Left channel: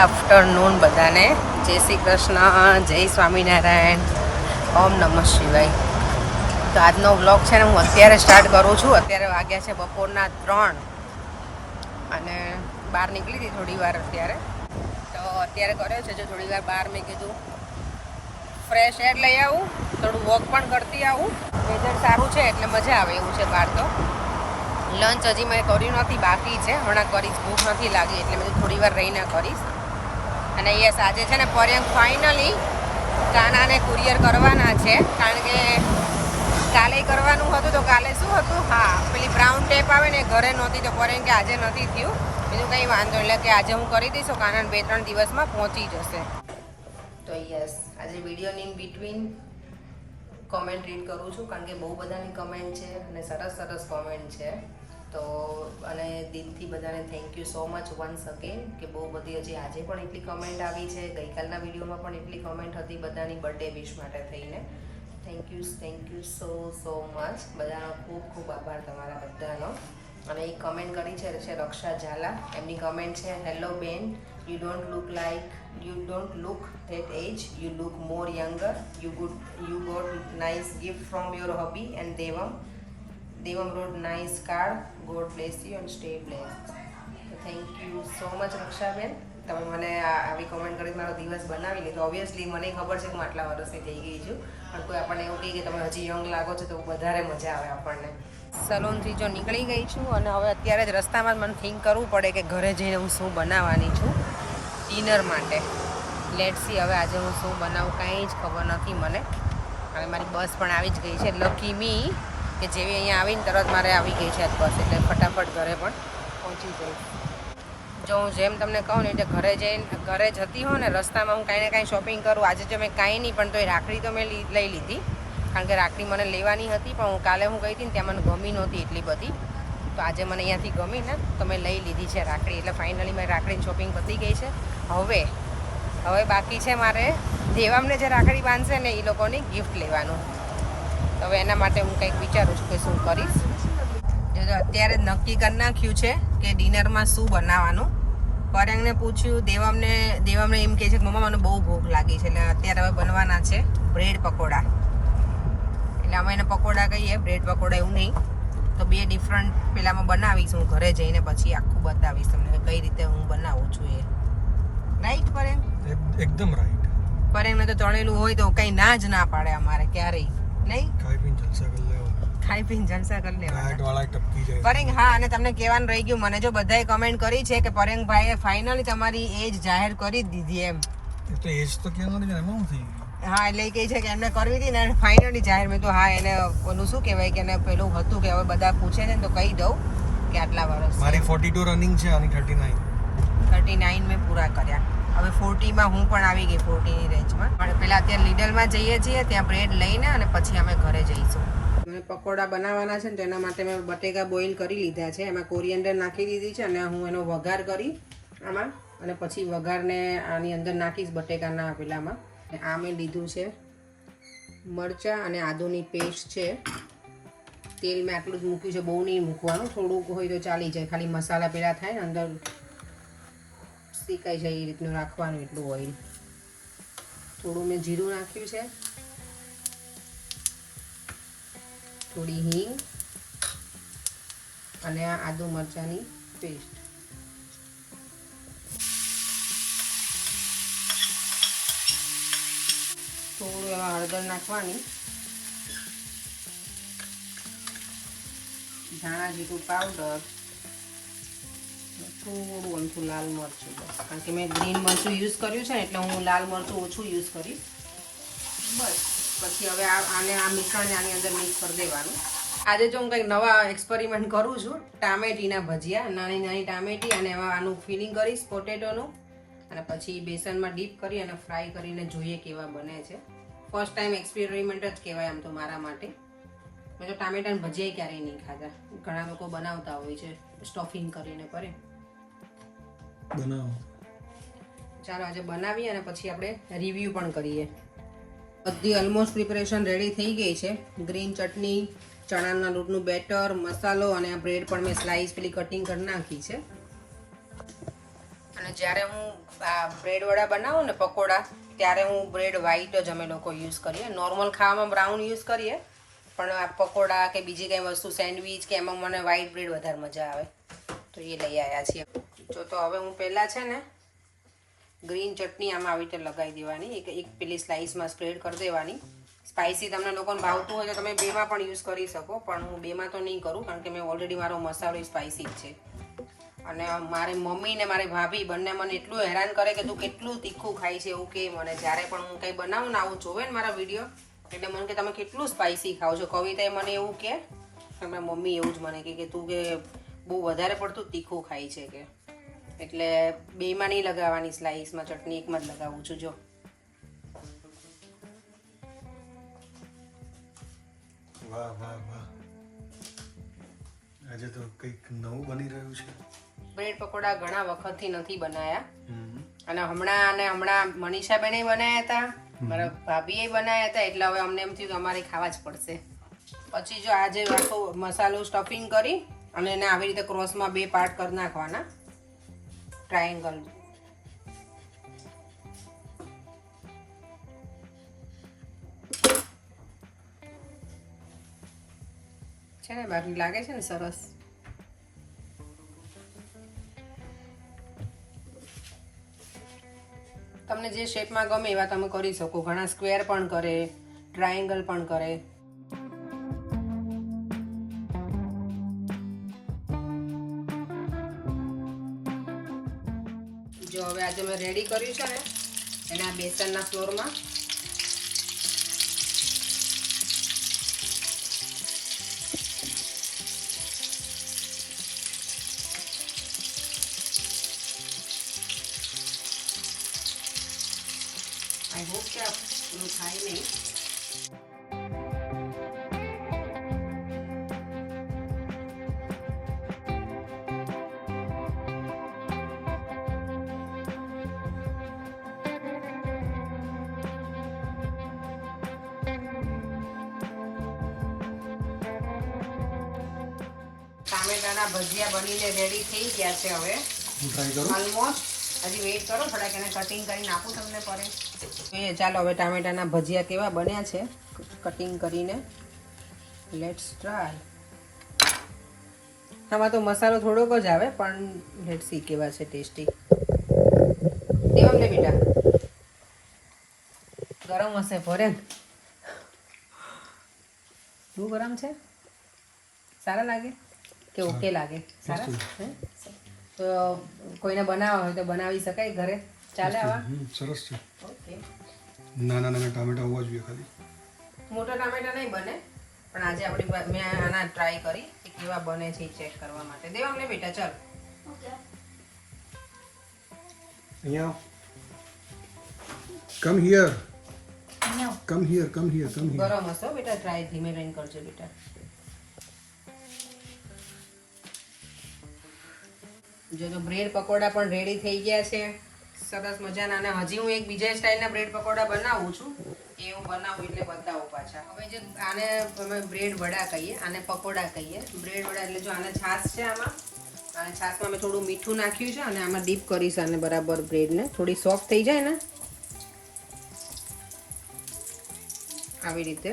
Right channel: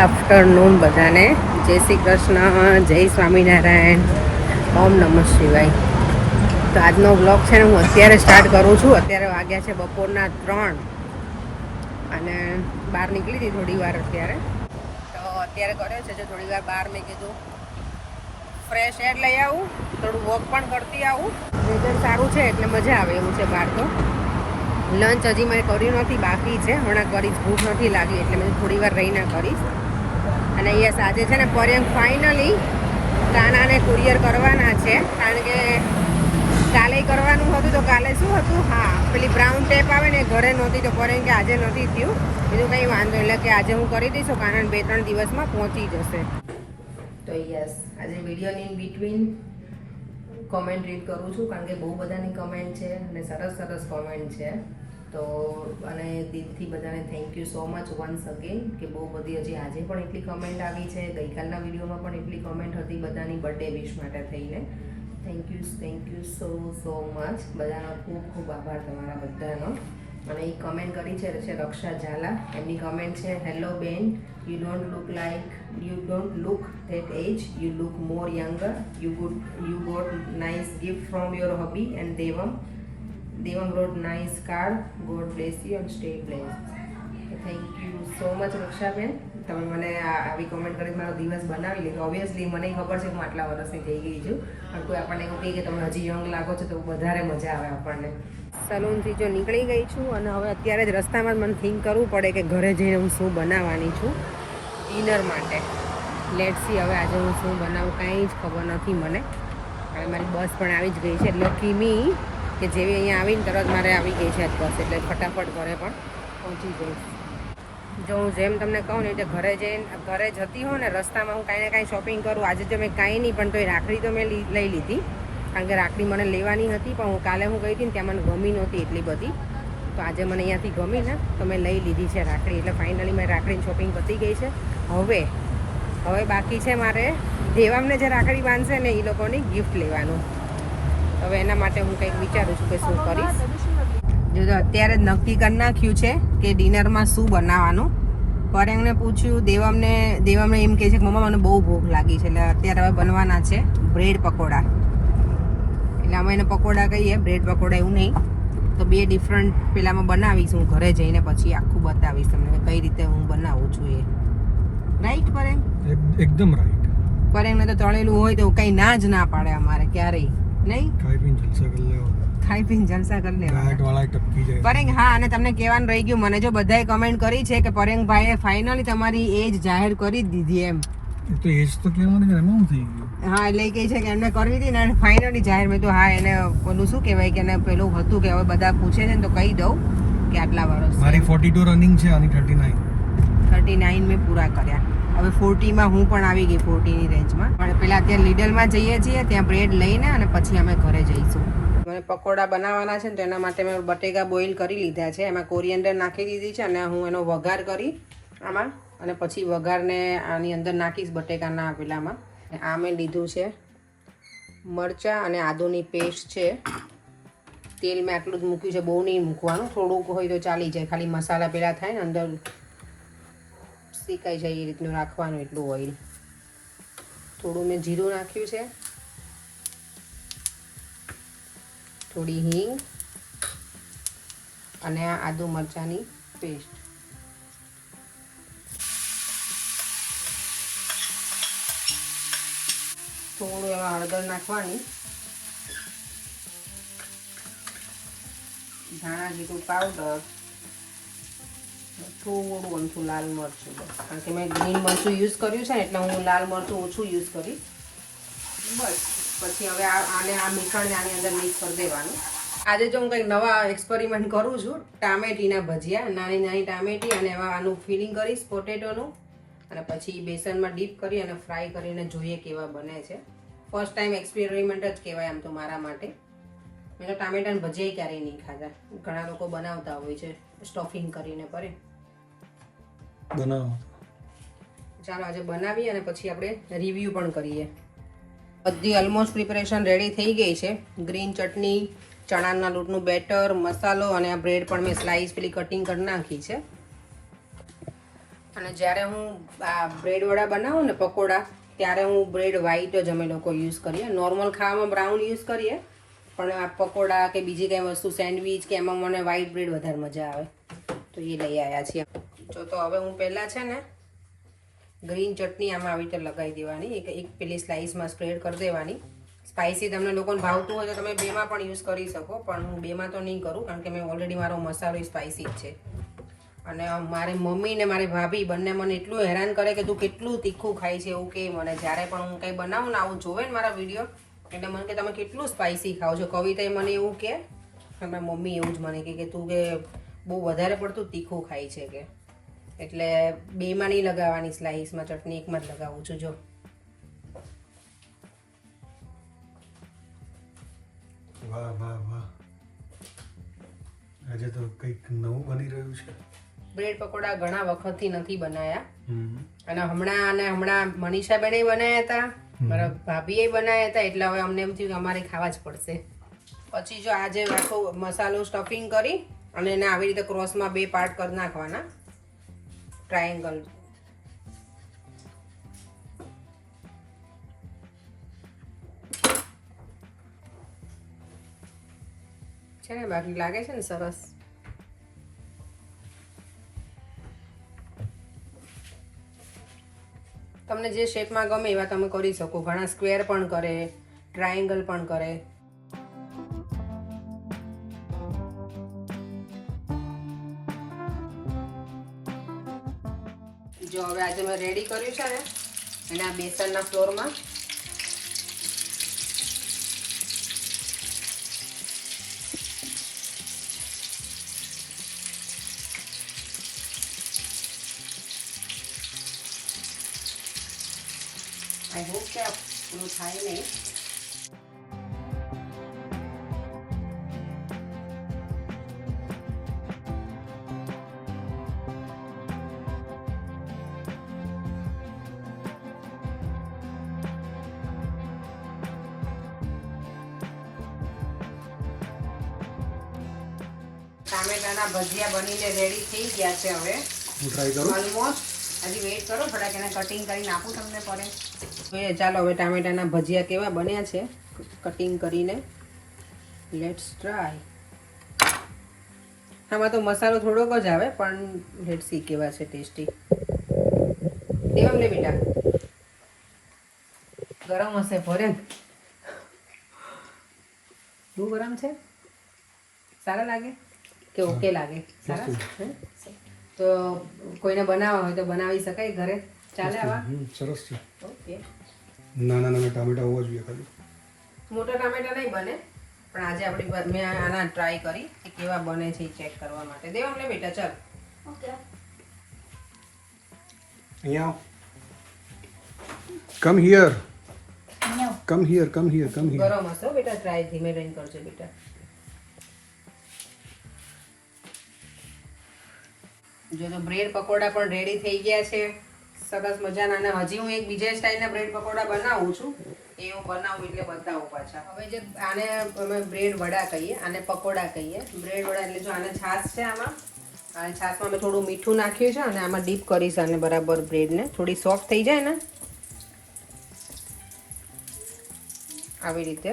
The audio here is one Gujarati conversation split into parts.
આફ્ટરનૂન બધાને. જય શ્રી કૃષ્ણ, જય સ્વામિનારાયણ, ઓમ નમઃ શિવાય. તો આજનો વ્લોગ છે ને હું અત્યારે સ્ટાર્ટ કરું છું. અત્યારે વાગ્યા છે બપોરના 3 અને બહાર નીકળી હતી થોડી વાર અત્યારે. તો અત્યારે કર્યો છે જો થોડી વાર બહાર મેં કીધું ફ્રેશ એર લઈ આવું, થોડું વોક પણ કરતી આવું. વેધર સારું છે એટલે મજા આવે એવું છે બહાર. તો લંચ હજી મેં કર્યું નથી, બાકી છે, હમણાં કરીશ. ભૂખ નથી લાગી એટલે મેં થોડી વાર રહીને કરીશ. અને યસ, આજે છે ને પર્યંત ફાઇનલી કાનાને કુરિયર કરવાના છે. કારણ કે કાલે કરવાનું હતું તો કાલે શું હતું, હા પેલી બ્રાઉન ટેપ આવે ને ઘરે નહોતી તો પર્યંત કે આજે નથી થયું. બીજું કંઈ વાંધો એટલે કે આજે હું કરી દઈશ, કાનાને 2-3 દિવસમાં પહોંચી જશે. તો યસ, આજે વિડીયોની બિટવીન કોમેન્ટ રીડ કરું છું કારણ કે બહુ બધાની કમેન્ટ છે અને સરસ સરસ કોમેન્ટ છે. તો અને દિલથી બધાને thank you so much once again કે બહુ બધી હજી આજે પણ એટલી કમેન્ટ આવી છે. ગઈકાલના વિડીયોમાં પણ એટલી કમેન્ટ હતી બધાની બર્થડે વિશ માટે થઈને. Thank you so much. બધાનો ખૂબ ખૂબ આભાર તમારા બધાનો. અને એ કમેન્ટ કરી છે રક્ષા ઝાલા. એમની કમેન્ટ છે, હેલો બેન, you don't look that age, you look more younger, you got nice gift from your hubby and Devam wrote nice card, God bless you and stay blessed. Thank you so much રક્ષાબેન, તમે મને આવી કોમેન્ટ કરી મારો દિવસ બનાવી લીધો. ઓબ્વિયસલી મને ખબર છે કે હું આટલા વર્ષની થઈ ગઈ છું, પણ કોઈ આપણને એવું કહે કે તમે હજી યંગ લાગો છો તો વધારે મજા આવે આપણને. સલૂનથી જો નીકળી ગઈ છું અને હવે અત્યારે જ રસ્તામાં જ મને થિંક કરવું પડે કે ઘરે જઈને હું શું બનાવવાની છું ડિનર માટે. લેટ્સ સી હવે આજે હું શું બનાવું, કંઈ જ ખબર નથી મને. અને મારી બસ પણ આવી જ ગઈ છે. લકી મી કે જેવી અહીંયા આવીને તરત મારે આવી ગઈ છે બસ, એટલે ફટાફટ ઘરે પણ પહોંચી જઈશ. જો હું જેમ તમને કહું ને એટલે ઘરે જતી હોઉં ને રસ્તામાં હું કાંઈ ને કાંઈ શોપિંગ કરું. આજે જો મેં કાંઈ નહીં પણ તો એ રાખડી તો મેં લઈ લીધી કારણ કે રાખડી મને લેવાની હતી, પણ હું કાલે હું ગઈ હતી ને ત્યાં મને ગમી નહોતી એટલી બધી. તો આજે મને અહીંયાથી ગમી ને તો મેં લઈ લીધી છે રાખડી. એટલે ફાઇનલી મેં રાખડીની શોપિંગ પતી ગઈ છે. હવે બાકી છે મારે દેવામને જે રાખડી બાંધશે ને એ લોકોની ગિફ્ટ લેવાનું. હવે એના માટે હું કંઈક વિચારું છું કે શું કરીશ. જો અત્યારે જ નક્કી કરી નાખ્યું છે કે ડિનરમાં શું બનાવવાનું. પરેંગને પૂછ્યું, દેવમને એમ કહે છે કે મમ્મા મને બહુ ભૂખ લાગી છે. એટલે અત્યારે હવે બનવાના છે બ્રેડ પકોડા. એટલે અમે એને પકોડા કહીએ, બ્રેડ પકોડા એવું નહીં. તો 2 ડિફરન્ટ પેલામાં બનાવીશ હું ઘરે જઈને, પછી આખું બતાવીશ તમને કઈ રીતે હું બનાવું છું એ. રાઈટ પરેંગ? એકદમ રાઈટ. પરેંગને તો તળેલું હોય તો કઈ ના જ ના પાડે અમારે ક્યારેય નહીં. ખાઈ પીને જલસા કરી લેવાના. પરેંગ, હા, અને તમને કહેવાનું રહી ગયું, મને જો બધાએ કમેન્ટ કરી છે કે પરેંગભાઈએ ફાઇનલી તમારી એજ જાહેર કરી જ દીધી એમ. તો એજ તો કહેવાનું કે એમાં થઈ ગયું. હા, એટલે એ કહે છે કે એમને કરવી હતી ને ફાઇનલી જાહેર. મેં તો હા, એને ઓલું શું કહેવાય કે એને પેલું હતું કે હવે બધા પૂછે છે ને તો કહી દઉં કે આટલા વર્ષ. મારી 42 રનિંગ છે, આની 39 મેં પૂરા કર્યા. હવે 40માં હું પણ આવી ગઈ, 40ની રેન્જમાં. પણ પહેલાં અત્યારે લીડલમાં જઈએ છીએ, ત્યાં બ્રેડ લઈને અને પછી અમે ઘરે જઈશું. મને પકોડા બનાવવાના છે ને તો એના માટે મેં બટેકા બોઇલ કરી લીધા છે. એમાં કોરિએન્ડર નાખી દીધી છે અને હું એનો વઘાર કરી આમાં, અને પછી વઘારને આની અંદર નાખીશ બટેકાના પેલામાં. આ મેં લીધું છે મરચાં અને આદુની પેસ્ટ છે. તેલ મેં આટલું જ મૂક્યું છે, બહુ નહીં મૂકવાનું, થોડુંક હોય તો ચાલી જાય. ખાલી મસાલા પેલા થાય ને અંદર શેકાઈ જાય એ રીતનું રાખવાનું, એટલું ઓઇલ. થોડું મેં જીરું નાખ્યું છે, થોડી હિંગ અને આ આદુ મરચાંની પેસ્ટ. થોડું એમાં હળદર નાખવાની, ધાણા જીરું પાવડર, થોડું અમથું લાલ મરચું, બસ. કારણ કે મેં ગ્રીન મરચું યુઝ કર્યું છે ને એટલે હું લાલ મરચું ઓછું યુઝ કરીશ, બસ. પછી હવે આ મિશ્રણને આની અંદર મિક્સ કરી દેવાનું. આજે જો હું કંઈક નવા એક્સપેરિમેન્ટ કરું છું, ટામેટીના ભજીયા. નાની નાની ટામેટી અને એમાં આનું ફિલિંગ કરીશ પોટેટોનું, અને પછી બેસનમાં ડીપ કરી અને ફ્રાય કરીને જોઈએ કેવા બને છે. ફર્સ્ટ ટાઈમ એક્સપેરિમેન્ટ જ કહેવાય આમ તો મારા માટે. મેં તો ટામેટાના ભજીયા ક્યારેય નહીં ખાધા. ઘણા લોકો બનાવતા હોય છે સ્ટફિંગ કરીને. ચાલો આજે બનાવીએ અને પછી આપણે રિવ્યૂ પણ કરીએ. બધી ઓલમોસ્ટ પ્રિપરેશન રેડી થઈ ગઈ છે. ગ્રીન ચટણી, ચણાના લોટનું બેટર, મસાલો અને આ બ્રેડ પણ મેં સ્લાઇસ પેલી કટિંગ કરી નાખી છે. અને જ્યારે હું આ બ્રેડવડા બનાવું ને પકોડા ત્યારે હું બ્રેડ વ્હાઈટ જ અમે લોકો યુઝ કરીએ. નોર્મલ ખાવામાં બ્રાઉન યુઝ કરીએ, પણ આ પકોડા કે બીજી કંઈ વસ્તુ સેન્ડવીચ કે એમાં મને વ્હાઈટ બ્રેડ વધારે મજા આવે, તો એ લઈ આવ્યા છીએ. જો તો હવે હું પહેલાં છે ને ગ્રીન ચટણી આમાં આવી રીતે લગાવી દેવાની, એક પેલી સ્લાઇસમાં સ્પ્રેડ કરી દેવાની. સ્પાઇસી તમને લોકોને ભાવતું હોય તો તમે બેમાં પણ યુઝ કરી શકો, પણ હું બેમાં તો નહીં કરું કારણ કે મેં ઓલરેડી મારો મસાલો સ્પાઇસી જ છે. અને મારી મમ્મી ને મારી ભાભી બંને મને એટલું હેરાન કરે કે તું કેટલું તીખું ખાય છે એવું કે મને. જ્યારે પણ હું કંઈ બનાવું ને આવું જોવે ને મારા વિડીયો એટલે મને કે તમે કેટલું સ્પાઇસી ખાઓ છો. કવિતાએ મને એવું કે મારી મમ્મી એવું જ મને કે તું કે બહુ વધારે પડતું તીખું ખાય છે કે. એટલે બેમાં નહીં લગાવવાની સ્લાઇસમાં ચટણી, એકમાં જ લગાવું છું. જો વાહ વાહ વાહ, આજે તો કંઈક નવું બની રહ્યું છે. બ્રેડ પકોડા ઘણા વખતથી નથી બનાયા, અને હમણાં મનીષાબેને બનાવ્યા હતા, મારા ભાભીએ બનાવ્યા હતા, એટલે હવે અમને એમ થયું કે અમારે ખાવા જ પડશે. પછી જો આજે આખો મસાલો સ્ટફિંગ કરી અને એને આવી રીતે ક્રોસમાં 2 પાર્ટ કરી નાખવાના, ટ્રાયેંગલ. છે ને બાકી લાગે છે ને સરસ. તમને જે શેપમાં ગમે એવા તમે કરી શકો. ઘણા સ્ક્વેર પણ કરે, ટ્રાયેંગલ પણ કરે. જો હવે આજે મેં રેડી કર્યું છે ને એના બેસનના ફ્લોરમાં આઈ હોપ કે આપણું થાય નહીં. ટામેટાના ભજીયા બનીને રેડી થઈ ગયા છે. હવે હું ટ્રાય કરું. ઓલમોસ્ટ. હજી વેઇટ કરો થોડાક, એને કટિંગ કરીને આપું તમને પડે. જોઈએ ચાલો હવે ટામેટાના ભજીયા કેવા બન્યા છે કટિંગ કરીને. Let's try. આમાં તો મસાલો થોડોક જ આવે, પણ લેટ્સ સી કેવા છે ટેસ્ટી. દેવમ ને બેટા ગરમ હશે ભરે. બહુ ગરમ છે. સારા લાગે કે ઓકે લાગે? સારા. તો કોઈને બનાવવા હોય તો બનાવી શકાય ઘરે, ચાલે આવા? સરસ છે. ઓકે. નાના ટામેટા હોવા જોઈએ ખાલી. મોટા ટામેટા નહીં બને, પણ આજે આપણી મેં આના ટ્રાય કરી કે કેવા બને છે ચેક કરવા માટે. દેવ અમને બેટા ચાલ. ઓકે. અહીંયા come here, come here, come here, come here. ગરમ હશે બેટા, ટ્રાય ધીમે રહીને કરજો બેટા. જો તો બ્રેડ પકોડા પણ રેડી થઈ ગયા છે સરસ મજાના. અને હજી હું એક બીજા સ્ટાઇલના બ્રેડ પકોડા બનાવું છું, એ હું બનાવું એટલે બતાવું પાછા. હવે જે આને અમે બ્રેડ વડા કહીએ, આને પકોડા કહીએ. બ્રેડ વડા એટલે જો આને છાશ છે આમાં, અને છાશમાં મેં થોડું મીઠું નાખ્યું છે અને આમાં ડીપ કરીશ અને બરાબર બ્રેડને થોડી સોફ્ટ થઈ જાય ને આવી રીતે.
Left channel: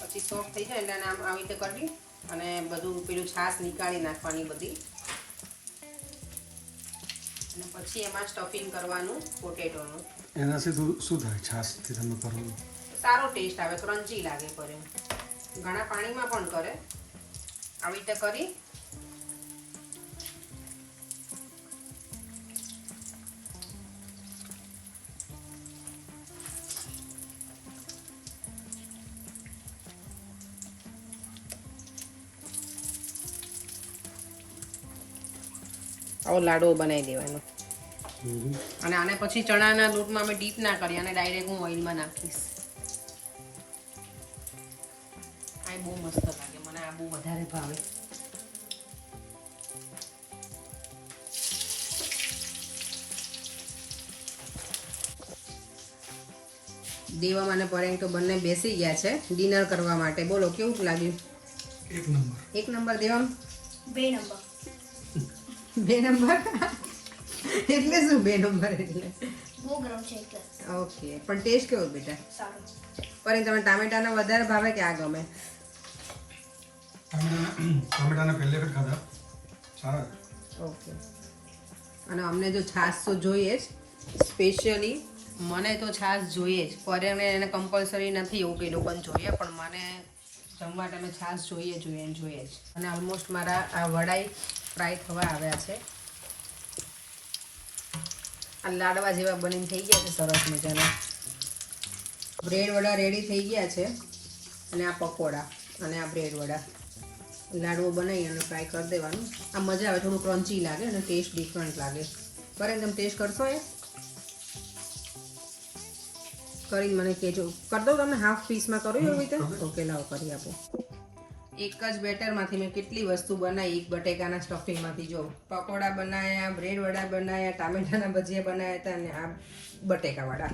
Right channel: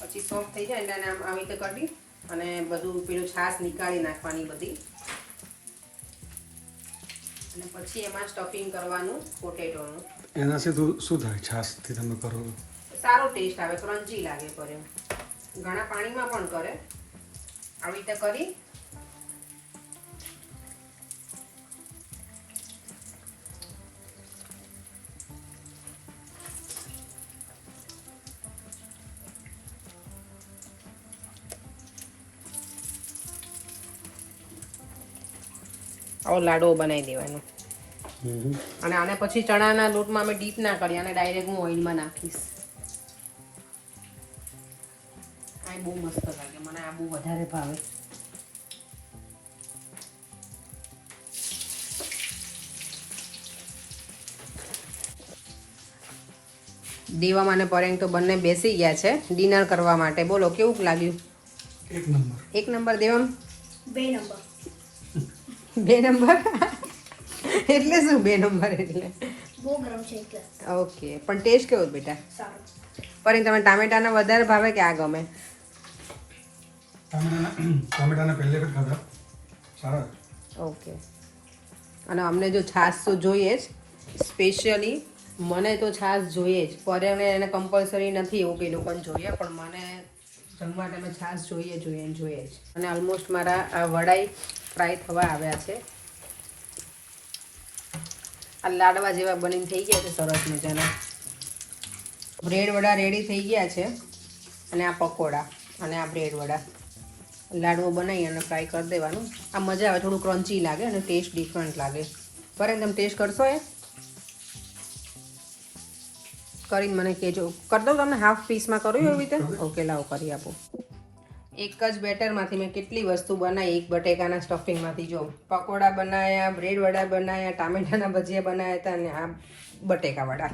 પછી સોફ્ટ થઈ જાય એટલે આને આમ આવી રીતે કટી અને બધું પેલું છાશ નીકાળી નાખવાની બધી, અને પછી એમાં સ્ટફિંગ કરવાનું પોટેટોનું. એનાથી શું થાય છાશથી તમે કરો? સારો ટેસ્ટ આવે, ક્રન્ચી લાગે. પર એમ ઘણા પાણીમાં પણ કરે. આવી રીતે કરી આવો લાડવો બનાવી દેવાનો. અને આને પછી ચણાના લોટમાં અમે ડીપ ના કરીએ, અને ડાયરેક્ટ હું ઓઇલમાં નાખીશ. આ બહુ મસ્ત લાગે મને, આ બહુ વધારે ભાવે. દેવા અને પરેંગ તો બંને બેસી ગયા છે ડિનર કરવા માટે. બોલો કેવું લાગ્યું? એક નંબર. એક નંબર. દેવમ 2 નંબર. 2 નંબર એટલે શું 2 નંબર એટલે બહુ ગરમ છે એટલે ઓકે પણ ટેસ્ટ કેવો બેટા સારું પણ તમે ટામેટાના વધારે ભાવે કે આ ગમે ટામેટાના પહેલે વખત ખાધા સારા ઓકે અને અમને જો છાશ તો જોઈએ જ સ્પેશિયલી મને તો છાશ જોઈએ જ ફરે એને કમ્પલસરી નથી એવું કે લોકોને જોઈએ પણ મને જમવા ટાઈમે છાશ જોઈએ જ અને ઓલમોસ્ટ મારા આ વડાઈ ફ્રાય થવા આવ્યા છે આ લાડવા જેવા બનીને થઈ ગયા છે સરસ મજાના બ્રેડ વડા રેડી થઈ ગયા છે અને આ પકોડા અને આ બ્રેડ વડા લાડવો બનાવી અને ફ્રાય કરી દેવાનું આ મજા આવે થોડું ક્રન્ચી લાગે અને ટેસ્ટ ડિફરન્ટ લાગે બરાબર તમે ટેસ્ટ કરશો એ કરીને મને કહેજો કરી દો તમે હાફ પીસમાં કર્યું એવી રીતે ઓકે લાવો કરી આપો એક જ બેટરમાંથી મેં કેટલી વસ્તુ બનાવી એક બટેકાના સ્ટફિંગમાંથી જો પકોડા બનાવ્યા બ્રેડ વડા બનાવ્યા ટામેટાના ભજીયા બનાવ્યા હતા અને આ બટેકા વડા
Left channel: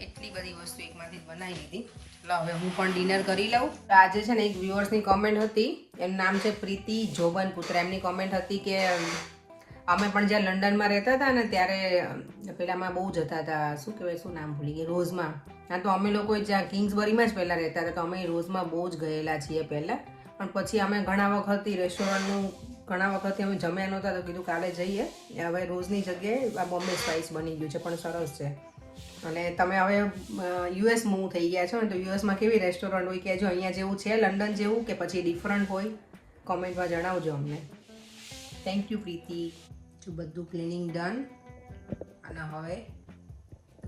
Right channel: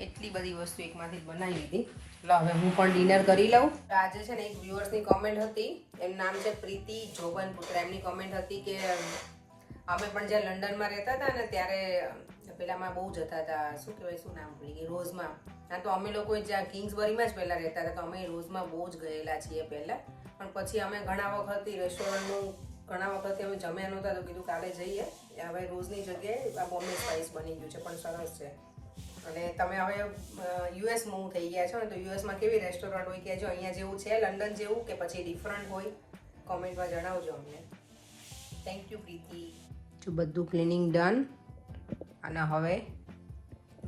એટલી બધી વસ્તુ એકમાંથી જ બનાવી લીધી લો હવે હું પણ ડિનર કરી લઉં તો આજે છે ને એક વ્યુઅર્સની કોમેન્ટ હતી એનું નામ છે પ્રીતિ જોબન પુત્રા એમની કોમેન્ટ હતી કે અમે પણ જ્યાં લંડનમાં રહેતા હતા ને ત્યારે પેલામાં બહુ જતા હતા શું કહેવાય શું નામ ભૂલી ગઈ રોઝમાં હા તો અમે લોકો જ્યાં કિંગ્સબરીમાં જ પહેલાં રહેતા હતા તો અમે રોઝમાં બહુ જ ગયેલા છીએ પહેલાં પણ પછી અમે ઘણા વખતથી રેસ્ટોરન્ટનું ઘણા વખતથી અમે જમ્યા નહોતા તો કીધું કાલે જઈએ હવે રોઝની જગ્યાએ આ બોમ્બે સ્પાઇસ બની ગયું છે પણ સરસ છે અને તમે હવે યુએસ મૂવ થઈ ગયા છો ને તો યુએસમાં કેવી રેસ્ટોરન્ટ હોય કહેજો અહીંયા જેવું છે લંડન જેવું કે પછી ડિફરન્ટ હોય કોમેન્ટમાં જણાવજો અમને થેન્ક યુ પ્રીતિ જો બધું ક્લિનિંગ ડન અને હવે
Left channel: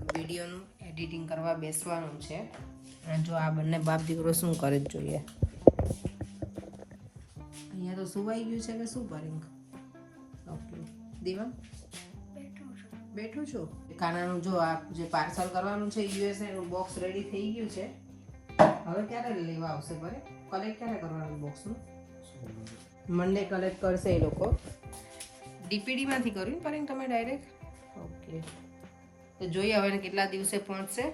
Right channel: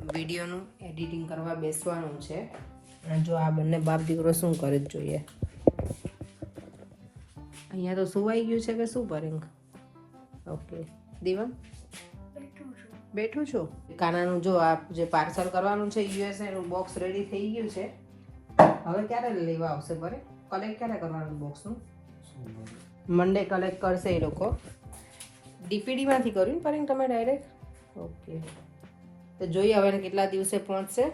વિડીયોનું એડિટિંગ કરવા બેસવાનું છે અને જો આ બંને બાપ દીકરો શું કરે જ જોઈએ અહીંયા તો સુવાઈ ગયું છે કે શું પરિંગ ઓકે દીવા બેઠું છું કાનાનું જો આ જે પાર્સલ કરવાનું છે યુએસએ નું બોક્સ રેડી થઈ ગયું છે હવે ક્યારે લેવા આવશે ભરે કલેક્ટ ક્યારે કરવાનું બોક્સનું મંડે કલેક્ટ કરશે એ લોકો ડીપીડીમાંથી કર્યું ને પરિંગ તમે ડાયરેક્ટ ઓકે તો જોઈએ હવે કેટલા દિવસે પહોંચશે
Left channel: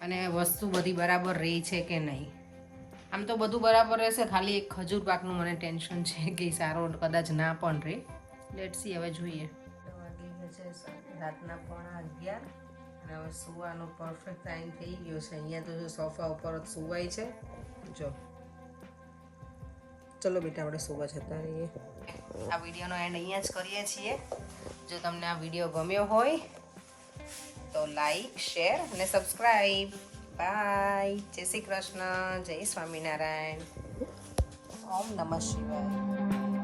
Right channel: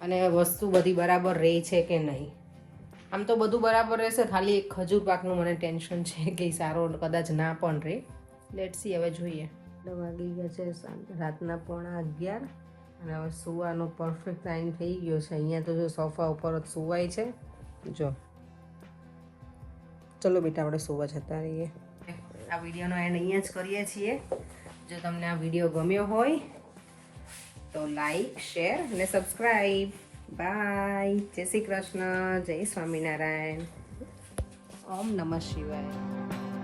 અને વસ્તુ બધી બરાબર રહી છે કે નહીં આમ તો બધું બરાબર રહેશે ખાલી એક ખજૂર પાકનું મને ટેન્શન છે કે સારો કદાચ ના પણ રહે લેટ્સી હવે જોઈએ વાગી ગયા છે રાતના 11:15 અને હવે સુવાનો પરફેક્ટ ટાઈમ થઈ ગયો છે અહીંયા તો જો સોફા ઉપર જ સુવાય છે જો ચલો બેટા આપણે સુવા જતા રહીએ આ વિડીયોનો એન્ડ અહીંયા જ કરીએ છીએ જો તમને આ વિડીયો ગમ્યો હોય તો લાઈક શેર અને સબસ્ક્રાઈબ બાય જય શ્રી કૃષ્ણ જય સ્વામિનારાયણ ઓમ નમઃ શિવાય